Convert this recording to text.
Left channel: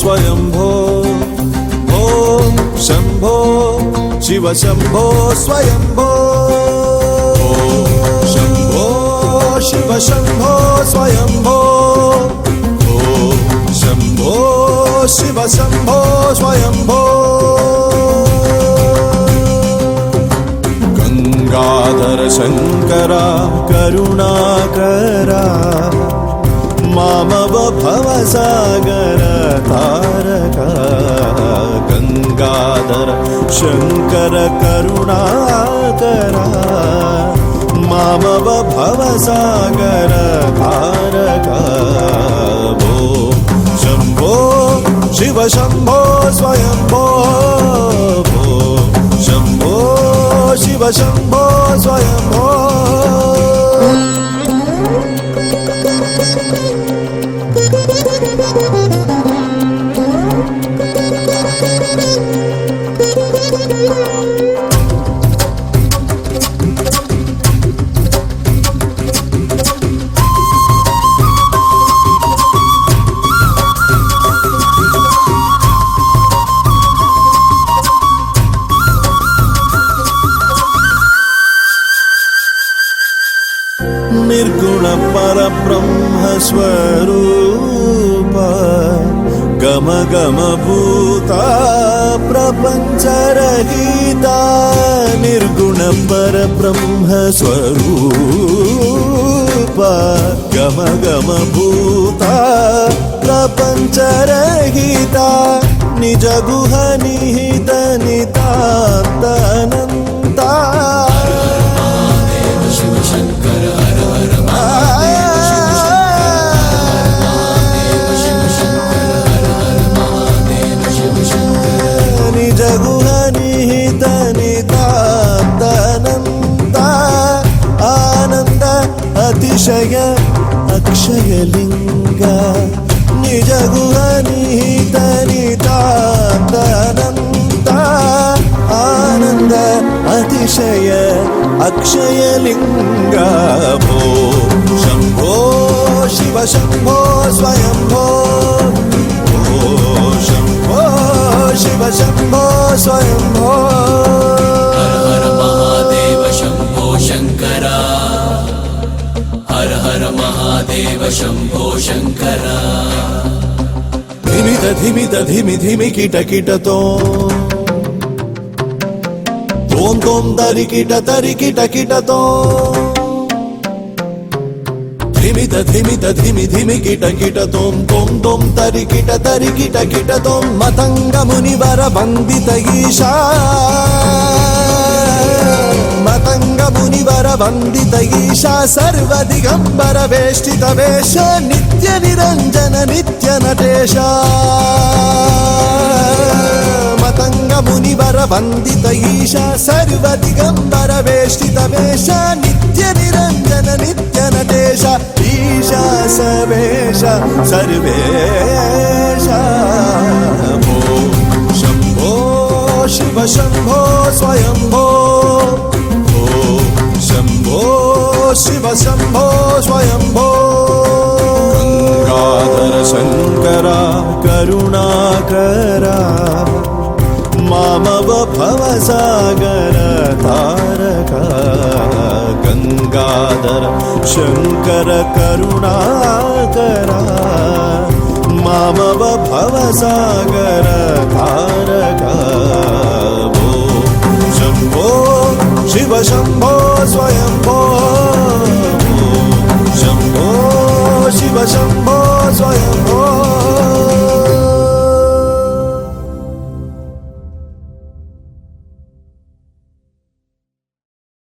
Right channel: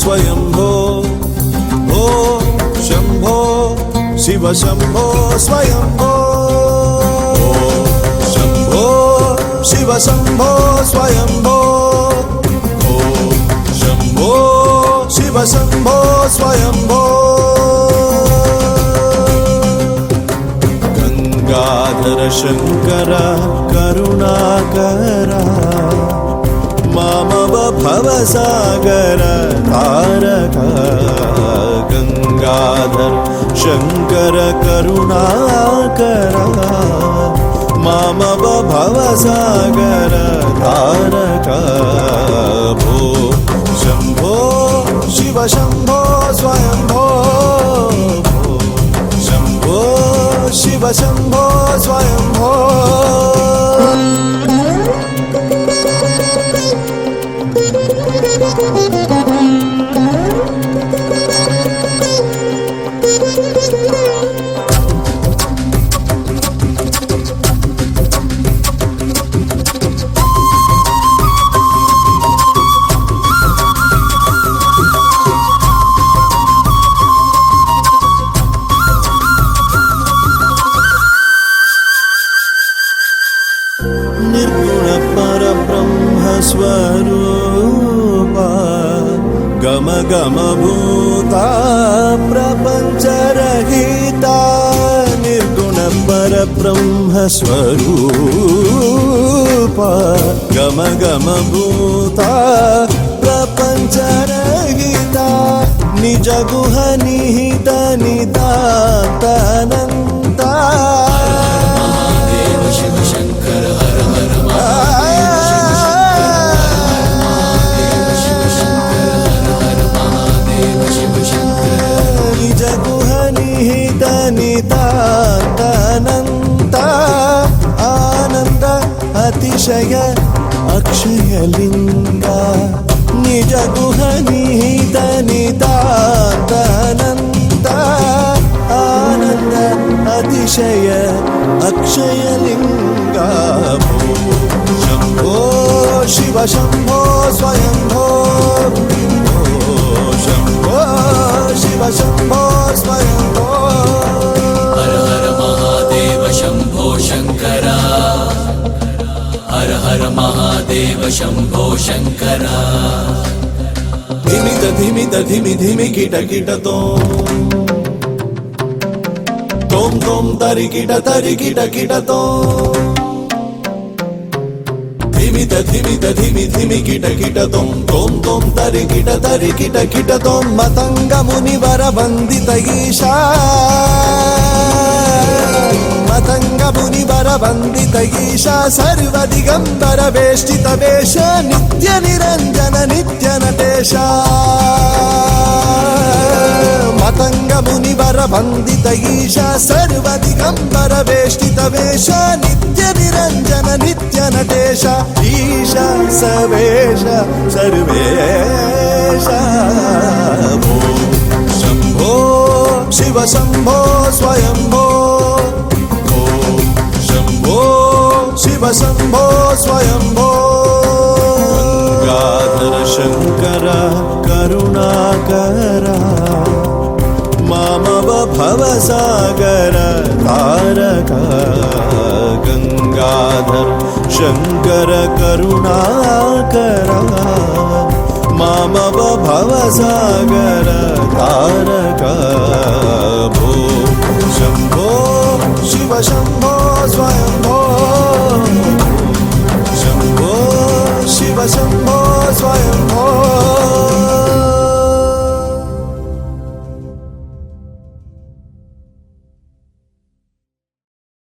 स्वयंभो ॐ शम्भो शिव शम्भो स्वयंभो शम्भो शिव शम्भो स्वयंभो शम्भो शिव शम्भो स्वयंभो गंगाधर शंकर करुणाकरा मामव भवसागर तारका गंगाधर शंकर करुणाकरा मामव भवसागर तारका भो शंभो शिव शंभो स्वयंभो शंभो शिव शंभो स्वयंभो निर्गुण परब्रह्म स्वरूप गम गम भूता प्रपंच रहिता निर्गुण परब्रह्म स्वरूप गम गम भूता प्रपंच रहिता निज गुह निहित नितान्तनन्ता अतिशय अक्षयलिंग निज गुह निहित निदानन्द आनंद अतिशय अक्षयलिंग भो शंभो शिव शंभो स्वयंभो शंभो शिव शंभो स्वयंभो हर हर महादेव शंभो शंकरा हर हर महादेव शंभो शंकरा धिमित धिमि धिमि किट किट तों तों तरि किट किट तों धिमित धिमि धिमि किट तों तरि किट तों मतंग मुनिवर वंदित ईशा मतंग मुनिवर वंदित ईशा सर्व दिगंबर वेष्टित वेश नित्य निरंजन नित्य नटेश मतंग मुनिवर वंदित ईशा सर्व दिगंबर वेष्टित वेश